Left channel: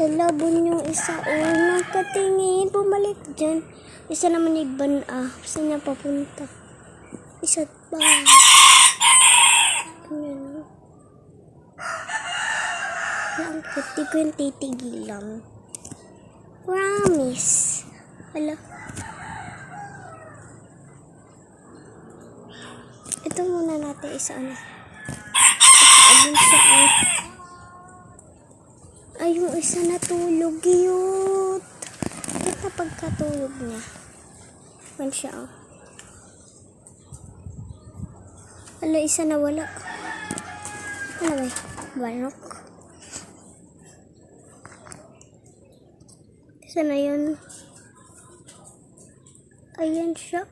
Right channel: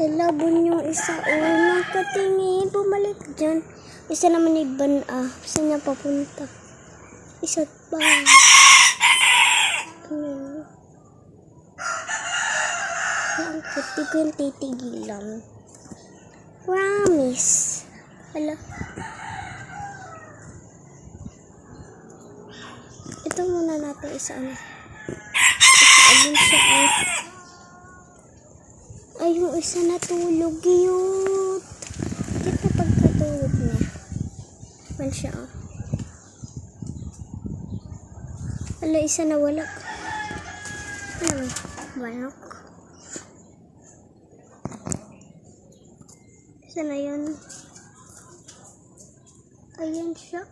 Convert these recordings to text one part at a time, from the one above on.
Labon yung isa. Oh, nakatingin. Bumalik dyan. Isa naman iban. Saan niya papunta? Isa't pa. Yan. Ang puti ko yung titigilan. Promise. Hala. Ito muna natin isa ano. Ayun siya ay yung isa natulog. Cute. Ito pagkatulog niya. Man siya Hala, isa na wala. Ano ba? Banok. Isa na yun. Ayan siya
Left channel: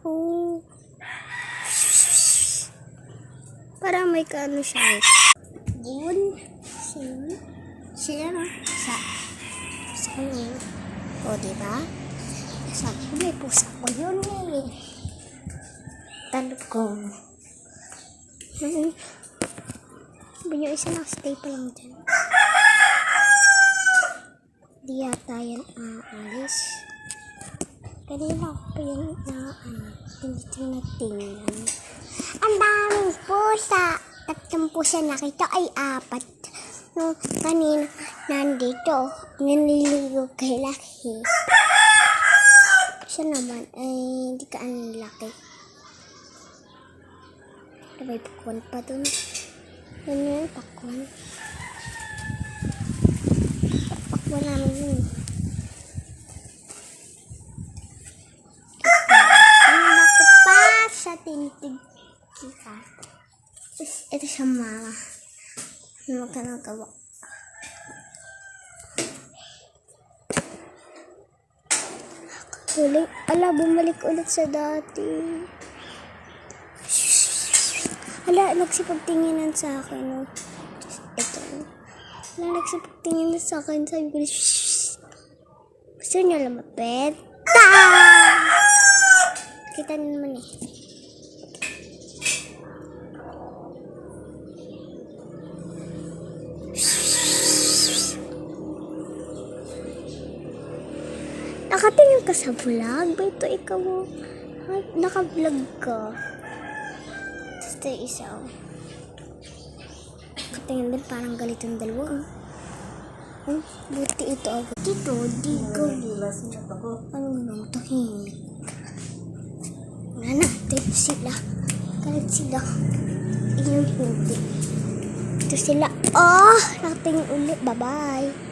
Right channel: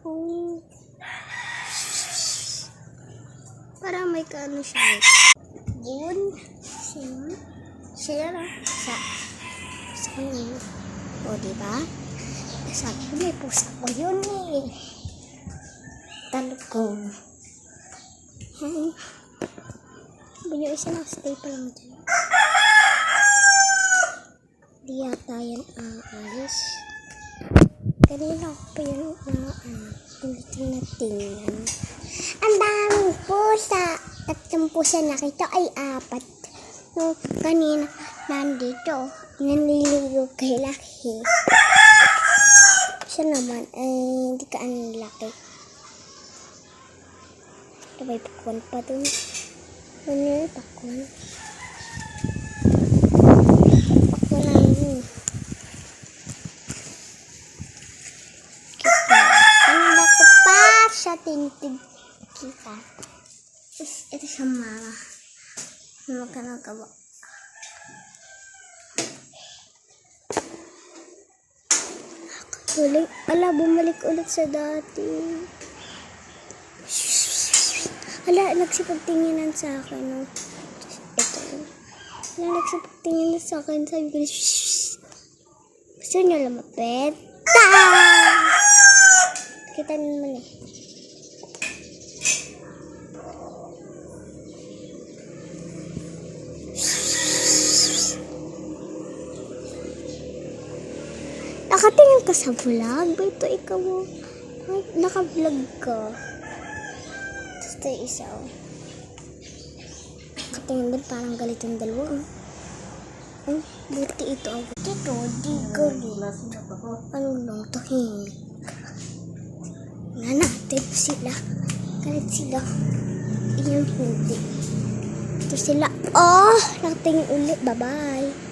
para may kaano siya. Bun. Siya na. Sa kanya. O, diba? Sabi ko, may pusa ko yun Talog ko. Yung isa na-stay pa lang dyan. Di yata yan aalis. Kanina ako pa yan tinitingnan. Ang daming pusa. 3 pusa nakita ay 4. No, kanina nandito. Nanliligo kay Laki. Siya naman ay hindi ka laki. May pakwan pa dun. Ano yung pakwan? Pakwan namin yun. Ang bako pa sa tintig kita. Ito siya mama. Ano ka nagawa? Bumalik ulit sa dati. Hala, nagsipagtinginan sa akin, no? Ito. Hala, nagsipagtinginan sa akin. Sabi ko, gusto nyo lumapit? Kita naman Nakatingin ka sa vlog? Ba ito ikaw? Naka-vlog ka. Ito yung isa. Nakatingin din parang galit yung dalawa. Buti ito. Dito, di galit. Ano lang, tahimik. Nga natin sila. Galit sila. Iyon hindi. Ito sila. Nakatingin ulit. Bye-bye.